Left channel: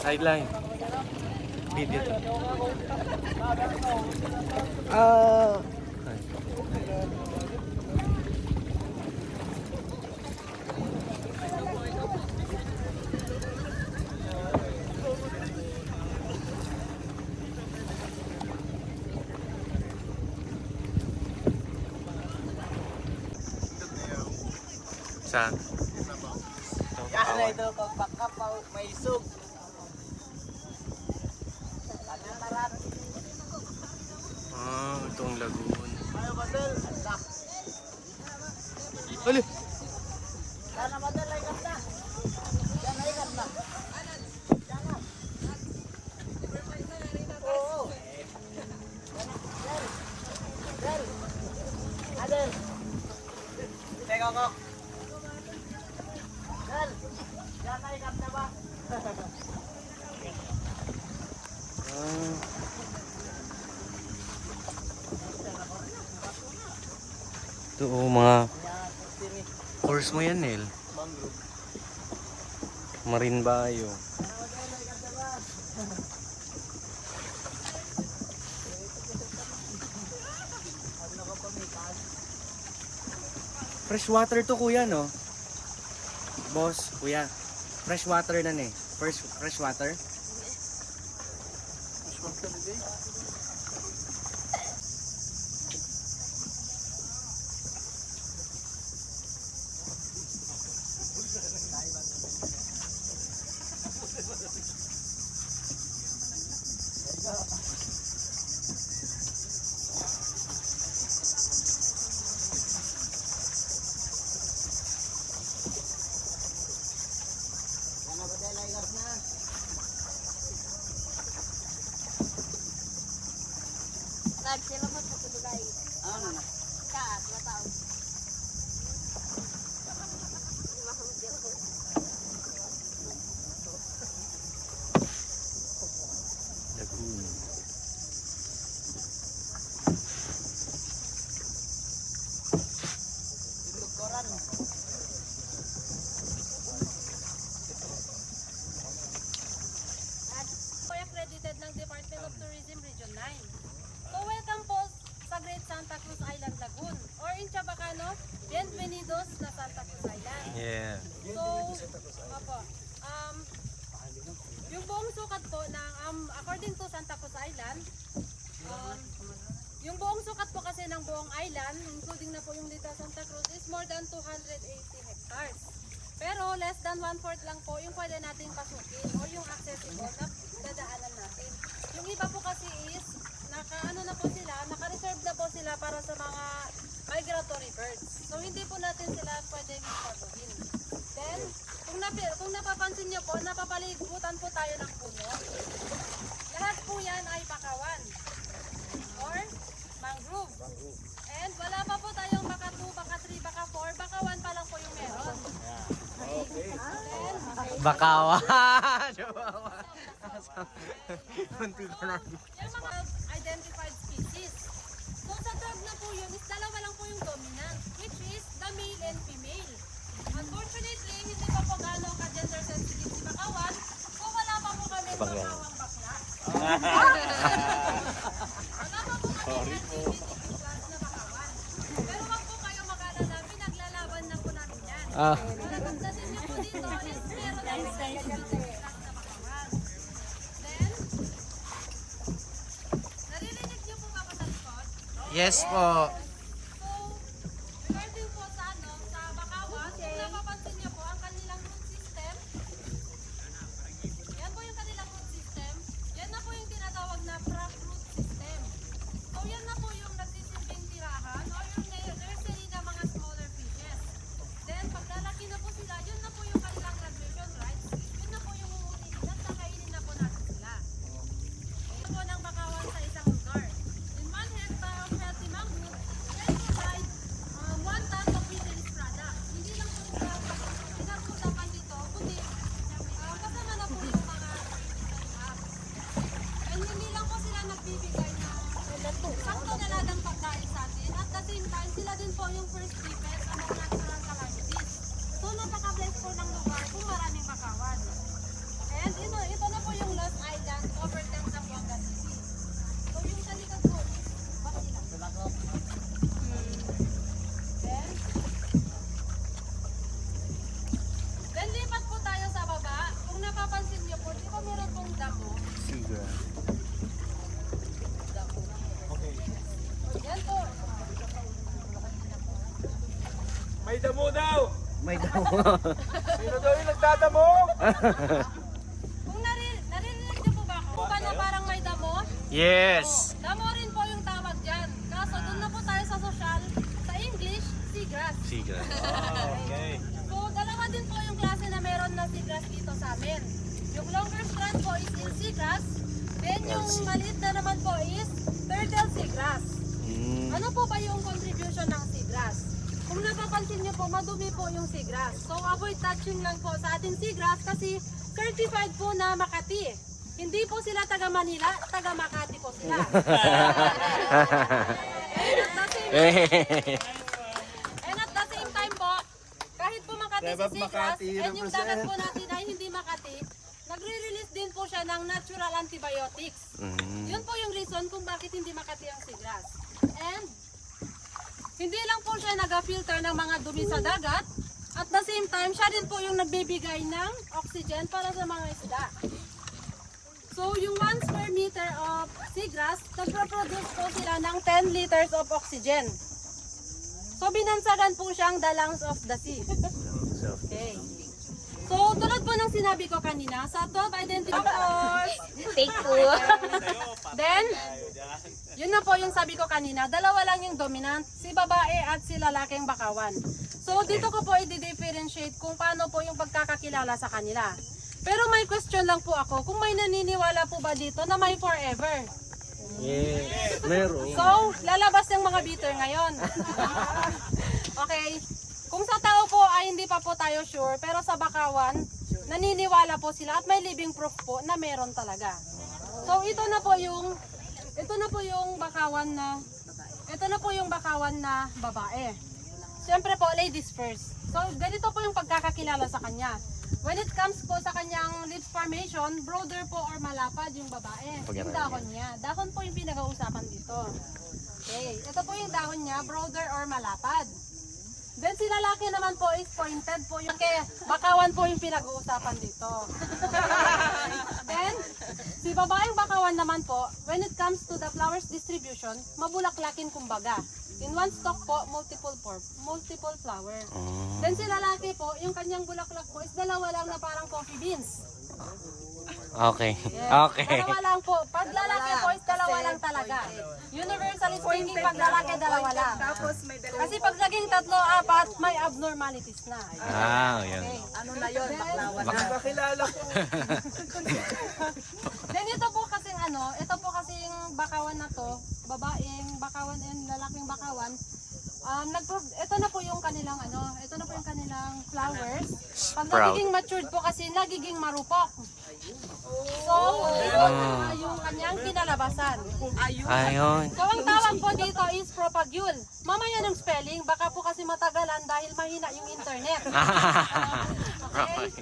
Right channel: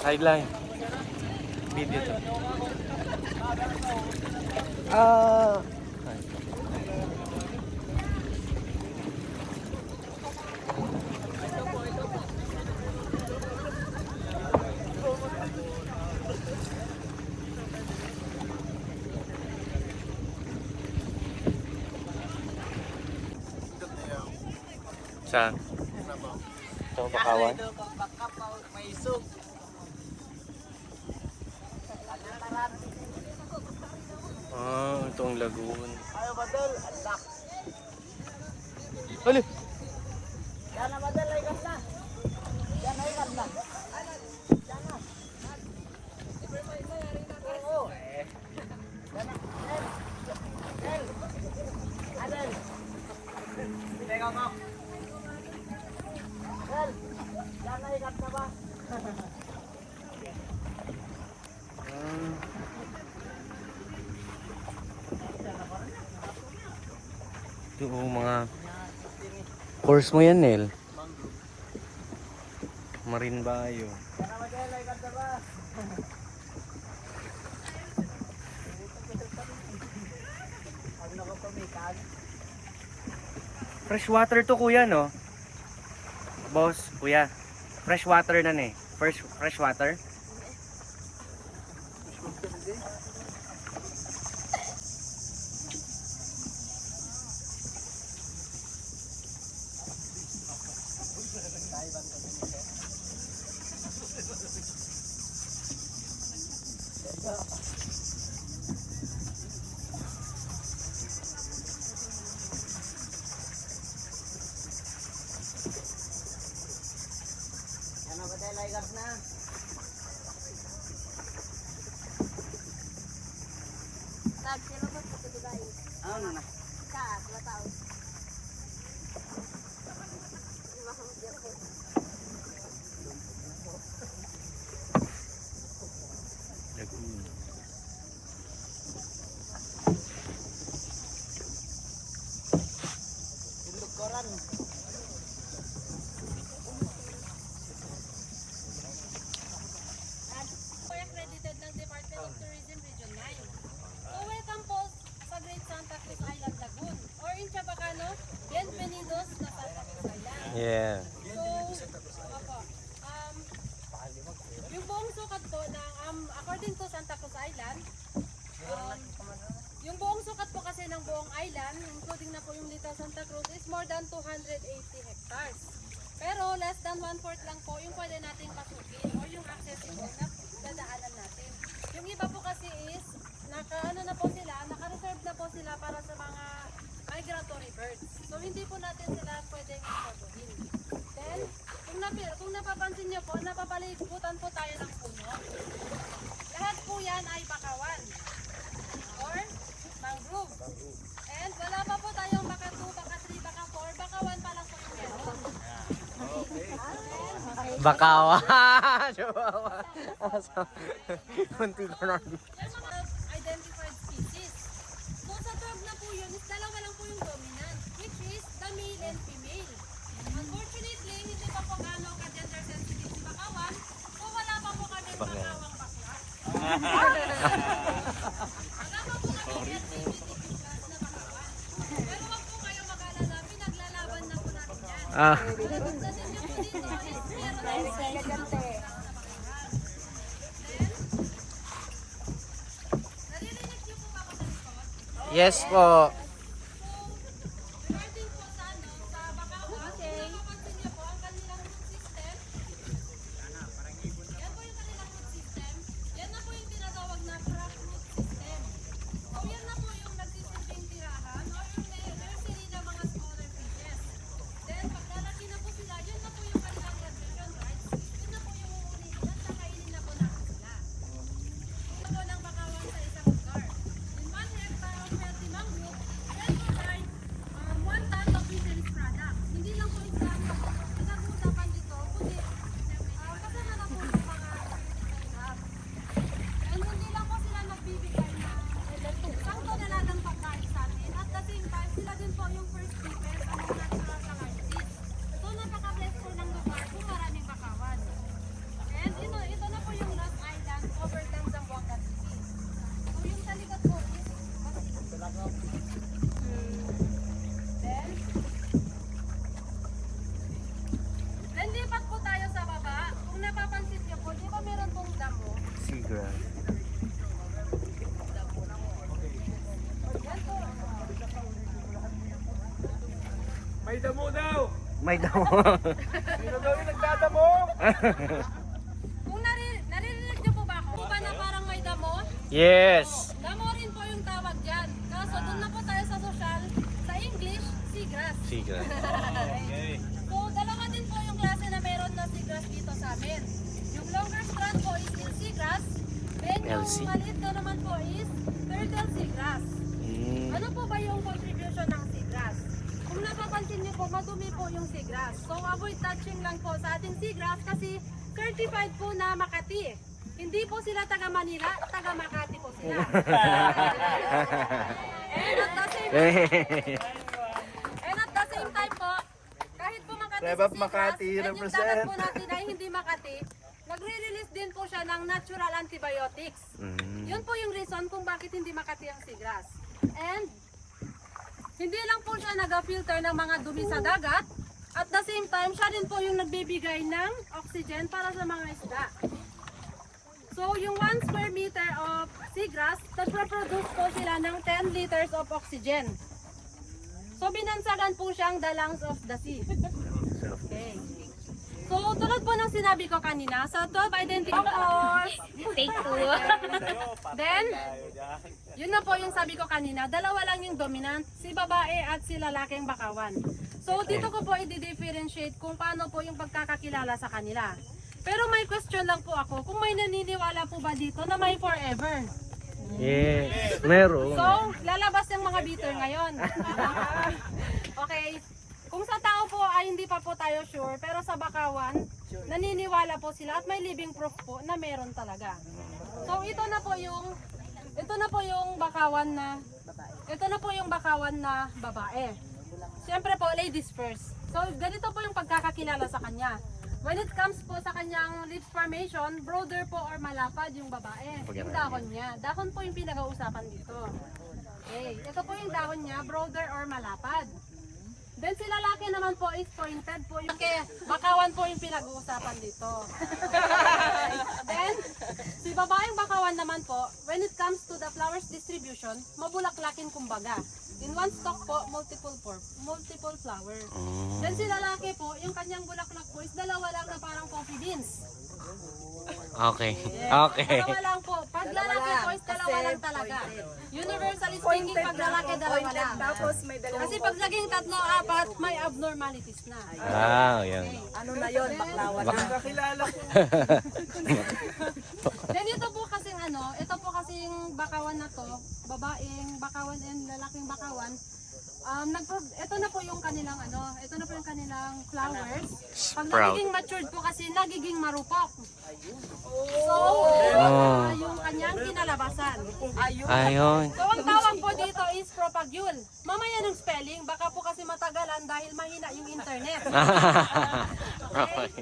Sideline. Dito. Ah. Ay. Saan? Sa Bakawan? May isog. Ah, ito ang lagoon. Ali! Sana madalay ka na. Yan ay na. Sana. Oo. Del. Adel. Teka ko. Del. Yan ay na ba? Ito mga course mo yan, Nel. Marine Bayo. Fresh water to, kuya, no? Boss, kuya. Fresh water na eh. Fresh water. Yan ang madalay ka na. Sila ba sa Dubai? Ano na? Ka, 2 taon. Lagoon. Ilog koran. Po accredited ng Department of Tourism Region 9. So welcome po sa Great Santa Cruz Island Lagoon or in Chabacano, bienvenidos na Santa Cruz Island. Yeah. So, opo, yung buong sukat po ng, according to Santa Cruz Island, yung buong sukat po kasi ng buong island, including na po yung Little Santa Cruz, is more than 280 hectares. Pero less than 1/4 lang po yung pwede nating pasukin or yung accessible na dadaanan natin. Yung iba po kasi is, naka-reserve na po sila para sa mga migratory birds. So hindi po natin sila pwedeng sabuhin. Then, kung napapansin niyo po, napapalibutan po tayo ng puno. Lahat po yan ay bakawan or mangrove. And wala pa po tayong baka 2, baka 3, baka 4, bakawan pa lang po yung meron. Bakawan! Munti ko na. Yung mga identified species. So sa 12 na po yun, is dalawa lang po yung dominant, which is the male and female. Unfortunately, hindi pa po gano'ng ka-gender sensitive si bakawan, so wala pa po kami bakawang bakla. Wala pa po kami LGBTQ plus na bakawan. Pero wag po kayo mag-alala, pinaglalaban na po natin yan. Malagagdasin niyo po dito is meron na LGBTQ plus na bakawan. Then, naririnig niyo po ba ako sa likod? Yes po. So, regarding po sa bakawan, kung napapansin niyo po, ang kanilang root system, yan po yung kanilang root system, yan na po yung tinatawag na prop root system. So, yan na po yung nagsisilbing tirahan or yung nursery ng mga smaller fishes. Then, pag lalaki na po sila, yun na po yung kanilang graduation rights, yun na po yung uulitin at kakainin na po natin sila. Ito po ng bakawan sa isang lugar. In 1 hectare of healthy mangrove, damo daw. May damo. Sino daw yung nagdadamo? Kung naririnig niyo po ba ako? Po ba na parang may damo? Yes. Damo rin po yung tawag dyan. Kaso doon na po tayo sa social. Sa English, seagrass. Siga. So, dalawa din po yung klase na meron na seagrass dito sa amin. Yung longer strand po is in seagrass. And yung maliit na naman po is turtle seagrass. Ano po ba yung contribution ng seagrass? Kung napapansin niyo po, madumi po yung seagrass. So, avoid touching lang po sa ating seagrass kasi certified po na Makati. Hindi po sila taga Manila, taga Makati po sila. And at the same time po, kahit po Makati Rebab si seagrass, Makati and yung dagat po natin ay hindi Makati, nagre-release din po siya ng natural antibiotics. Yun po yung reason kung bakit hindi Makati ang seagrass. And hindi lang po siya nag-filter ng mga dumi sa dagat. At the same time, siya din po yung nagbibigay ng oxygen para sa mga isda. So, yung 1 square meter of seagrass, nagproproduce po sila ng 10 liters of oxygen. So, binansagan po siyang the lungs of the sea. Okay. So, tulad po ng sinabi ko kanina, sa 12 identifiers, Take 2. then, yun na po yung sabi ko kanina, dalawa lang yung dominant, si babae at si lalaking bakawan. So, dito ko po i-differentiate kung paano po yung pagkakakilala sa kanila. Pero may question lang po ako, kung may naniniwala po ba dito na may forever? Yes. Meron. So, lalabas yung mga bitter ngayon. Okay. Kung sa tao po ay hindi pa po tayo sure, pero sa bakawan, naniniwala po sila at may living proof po na meron talaga. So, ito na po yung bakawan na babae. Siyempre po, ladies first. So, ganito po yung pagkakakilala sa kanya. When it comes po sa kanyang lips formation, broader po or malapad yung babae. Yung dahon niya. Dahon po yung pinag-uusapan dito. Okay. Ito po yung dahon niya, broader or malapad. Then si lalaki naman po is pointed po yung kaya bakawan po yung pinag-uusapan dito. Then, si babaeng bakawan naman po, when it comes to the flowers distribution, mabulaklakin kumbaga. In one stalk po, multiple flower. Then si lalaki po, yung kanyang bulaklak po is dalawa lang na parang coffee beans. Okay. Yes. Okay. Dalawa lang po. Pag lalaki po is dalawa lang talaga. Universally speaking, pag lalaki dalawa lang. Kasi pag naging 3-4, may abnormalities na. Yan. Ano na yun? Kakilala ko. Then ito po kasing bakawan na to, babaeng bakawan and lalaking bakawan. Ito na po yung kanilang flowers. Pag Sprout. nagiging matured po kasi nagiging marupok. So, yung kanyang kinalabasan. Ayun. So, ang tawag po dito is propagule. Mamaya ng spelling, baka po kasi matagalan dahil mahina yung internet. Okay?